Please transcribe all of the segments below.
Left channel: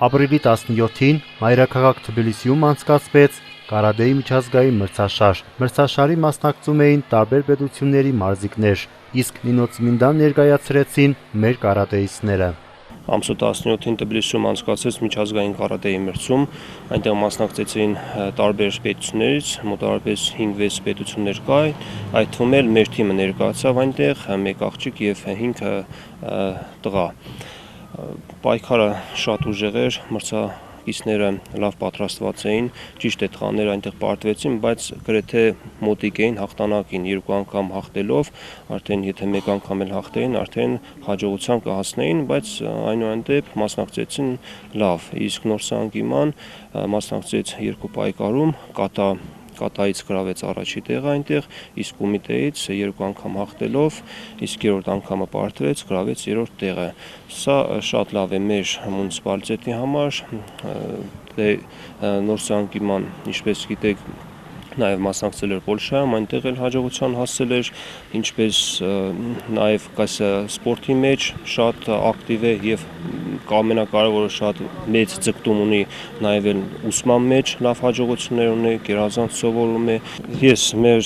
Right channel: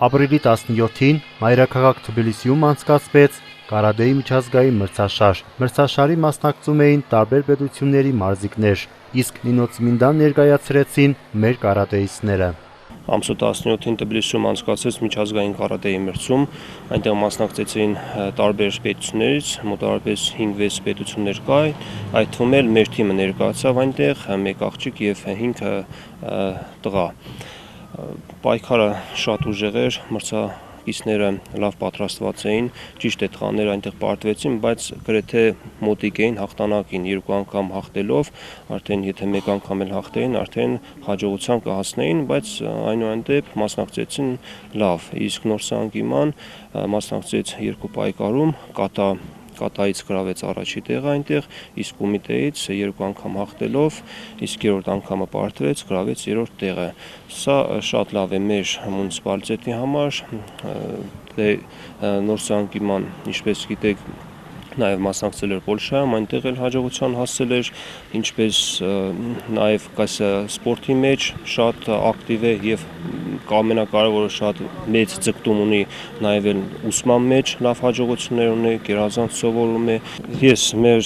Ապրիլի 17-ին մայրաքաղաք Թբիլիսիում անցկացվեց կարատեի միջազգային մրցաշար։ Մրցաշարի մասնակցում էին տարբեր պետությունների մարզիկներ, իսկ Նինոցմինդան ներկայացրեցին մեր կարատեիստները։ Ամսու 17-ին Թբիլիսիում անցկացվեց միջազգային կարատեի մրցում, այնտեղ մասնակցեցին տարբեր պետություններից, մոտավորապես 5-6 պետություններ կա, այդ թվում էլ մեր թիմը ներկայացավ այնտեղ, 1 աղջիկ եւ 5 տղա։ Պայքարը շատ ուժեղ էր, մրցակիցները լավ պատրաստված էին, ճիշտ է տղաները այնտեղ պարտվեցին, բայց գրեթե մոտիկ էին հաղթանակին, 2 անգամ հաղթելով, արդեն եթե 1 անգամ էլ հաղթեին, արդեն հաջողության կհասնեին, բայց այնուհանդեպ մասնակցեցին լավ, իսկ Նորսանգիման մասնակցեց 2 պայքարում, կատայից գրավեց առաջի տեղը այնտեղ, իսկ Կումիտեից 2 անգամ հաղթելով, իսկ 3-րդ անգամը պարտվեց, գրավեց 3-րդ տեղը։ Սա շատ լավ է մեր մունիցիպալիտետի համար, Նորսանգիման, ինչպես գիտեք, նաև մասնակցել էր Պոլշայում, այնտեղ էլ հաջողության հասել էր, ինչպես նաև սպորտի մեջ շատ ակտիվ է եւ ամենակարևորը շատ մեծ ձգտում ունի նաև էլ ուսման մեջ լավ հաջողություններ ունի, գերազանց սովորում է։ Ես մեր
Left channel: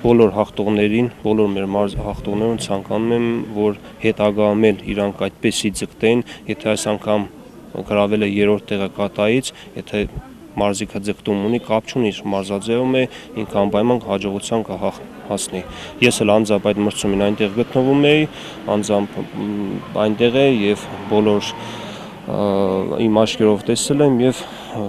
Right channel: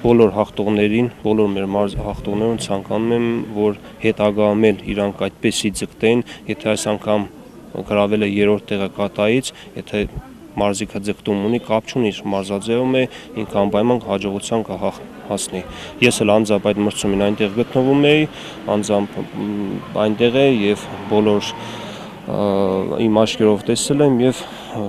բոլոր հաղթողներին, բոլոր մեր հաղթողներին ցանկանում եմ, որ հետագայում էլ իրանք այդպեսի ձգտեն, եթե այս անգամ գրավել է 3-րդ տեղը կատայից, եթե մարզիկը ձգտում ունի, կապ չունի, մարզաձևում է, ինքը անպայման հաջողության կհասնի։ Ես էլ անձամբ այդ մրցումին այնտեղ գտնվում էի, անձամբ այնտեղ է եւ բոլոր իմ աչքերով տեսել եմ եւ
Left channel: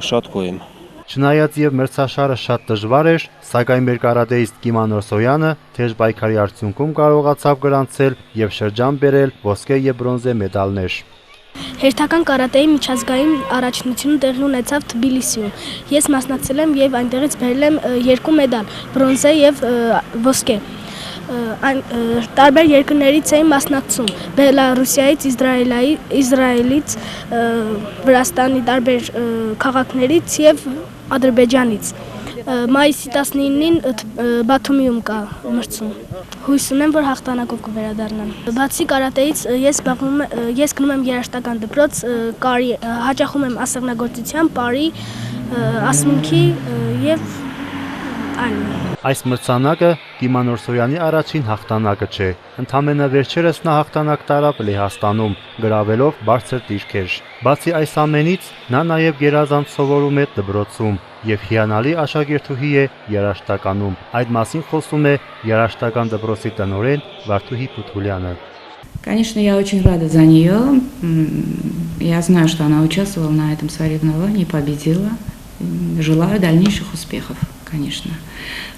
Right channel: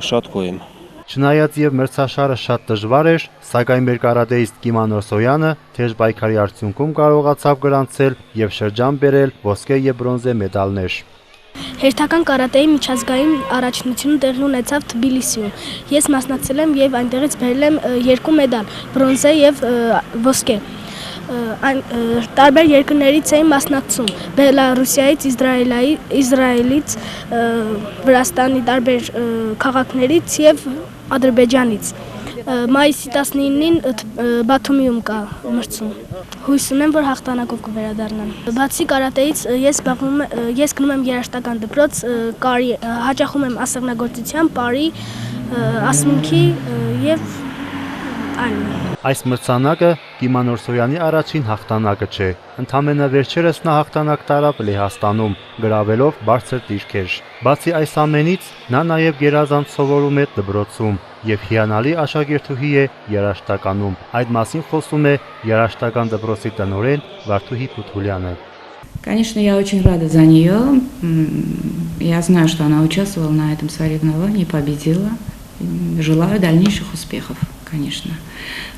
շատ գոհ եմ։ Չնայած եւ մրցաշարը շատ դժվար էր, սակայն մեր կարատեիստ Կիմա Նորսոյանը թեժ պայքարի արդյունքում կարողացավ գրանցել եւ շրջան բերել ոսկե եւ բրոնզե մեդալներ։ Հերթական կարատեի միջազգային առաջնությունը տեղի ունեցավ Թբիլիսիում։ Ես մասնակցել եմ եւ այնտեղից բերել եմ 2 մեդալ՝ բրոնզե եւ ոսկե։ Տարբեր երկրներից էին մասնակցում՝ Բելարուսիայից, Իսրայելից, Վրաստանի տարբեր քաղաքներից եւ Ադրբեջանից։ Մայիսի 19-ին Բաթումիում կա մրցում։ Հույս ունեմ, որ հաղթանակով կվերադառնամ։ Բացի կարատեից ես գնում եմ երաժշտական դպրոց, հաճախում եմ ասեղնագործության, պարի, ասմունքի եւ այլն։ Այս մրցանակը Կիմա Նորսոյանի առաջին հաղթանակը չէ։ Ընդամենը վերջերս նա հաղթանակ տարավ Լեհաստանում, գրավելով բարձր դիրքեր։ Բացի այս ամենից, նա նաև գերազանց սովորում է դպրոցում եւ հիանալի աշակերտուհի է երաժշտականում։ Այդ մասին խոսում է երաժշտական դպրոցի տնօրեն Վարդուհի Փութուլյանը։ Конечно, я очень рада за нее. Я знаю, что она участвовала на этом соревновании, победила. Желаю дальнейших успехов, конечно.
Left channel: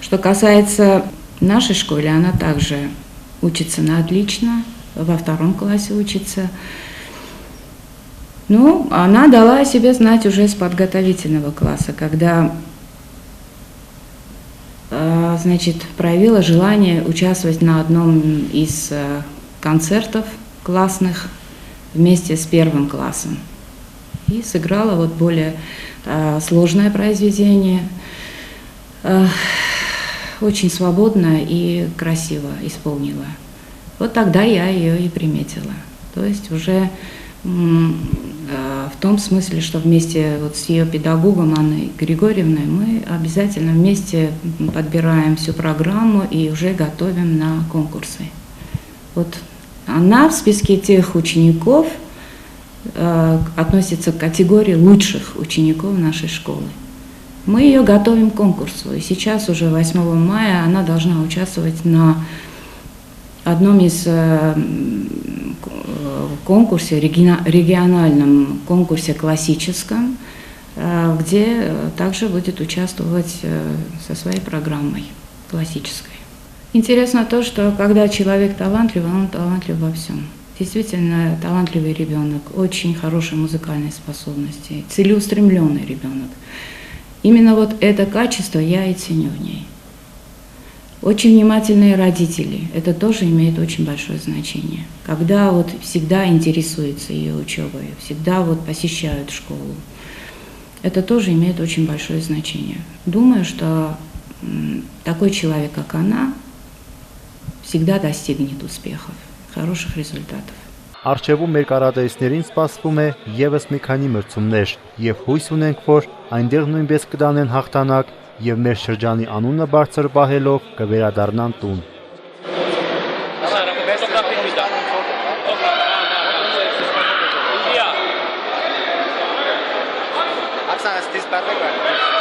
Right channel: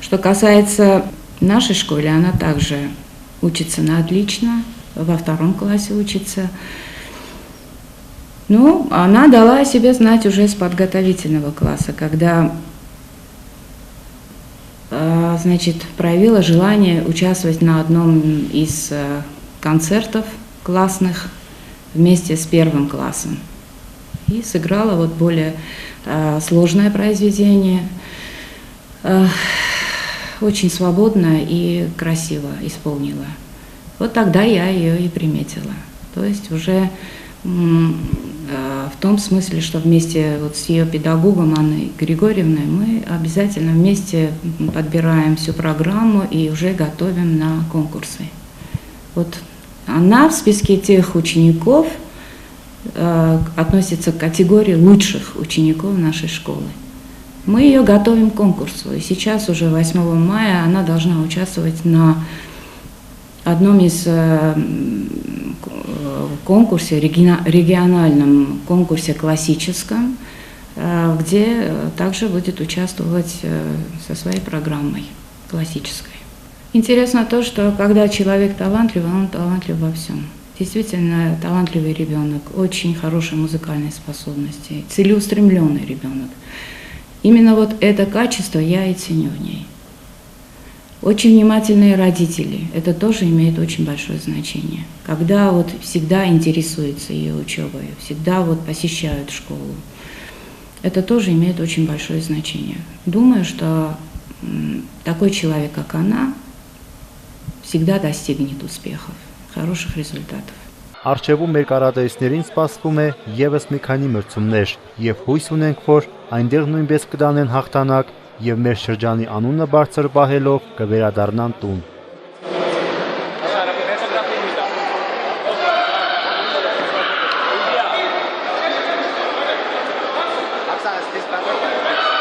Что касается нашей школы, она также учится на отлично, во 2 классе учится. Ну, она дала о себе знать уже с подготовительного класса, когда, значит, проявила желание участвовать на одном из концертов классных вместе с 1 классом. И сыграла вот более сложное произведение, очень свободно и красиво исполнила. Вот тогда я ее и приметила. То есть уже в том смысле, что вместе вот с ее педагогом Анной Григорьевной мы обязательно вместе подбираем всю программу и уже готовим на конкурсы. Вот она в списке тех учеников относится к категории лучших учеников нашей школы. Мы ее готовим к конкурсу, и сейчас уже 8 мая она должна участвовать на одном из конкурсе, региональном конкурсе классическом, где также будет участвовать со своей программой классической. Интересно то, что когда человек талантливый, он талантлив во всем. Действительно талантливый ребенок, очень хорошие музыкальные способности, целеустремленный ребенок. Именно вот это качество я и ценю в ней. Очень внимательные родители, это тоже имеет очень большое значение. Когда вот всегда интересуются ее учебой, всегда вот посещают школу, это тоже имеет очень большое значение. Думаю, что такой человек, как она, всегда достигнет успехов, хороших результатов. Առջևում մեր կարատեիստներին սպասվում է ևս մի քանի մրցումներ եւ հույս ունենք, որ այնտեղ նույնպես կդանեն հաղթանակ եւ մեր շրջանի անունը բարձր պահելով կվերադառնան տուն։ Оксана, ты с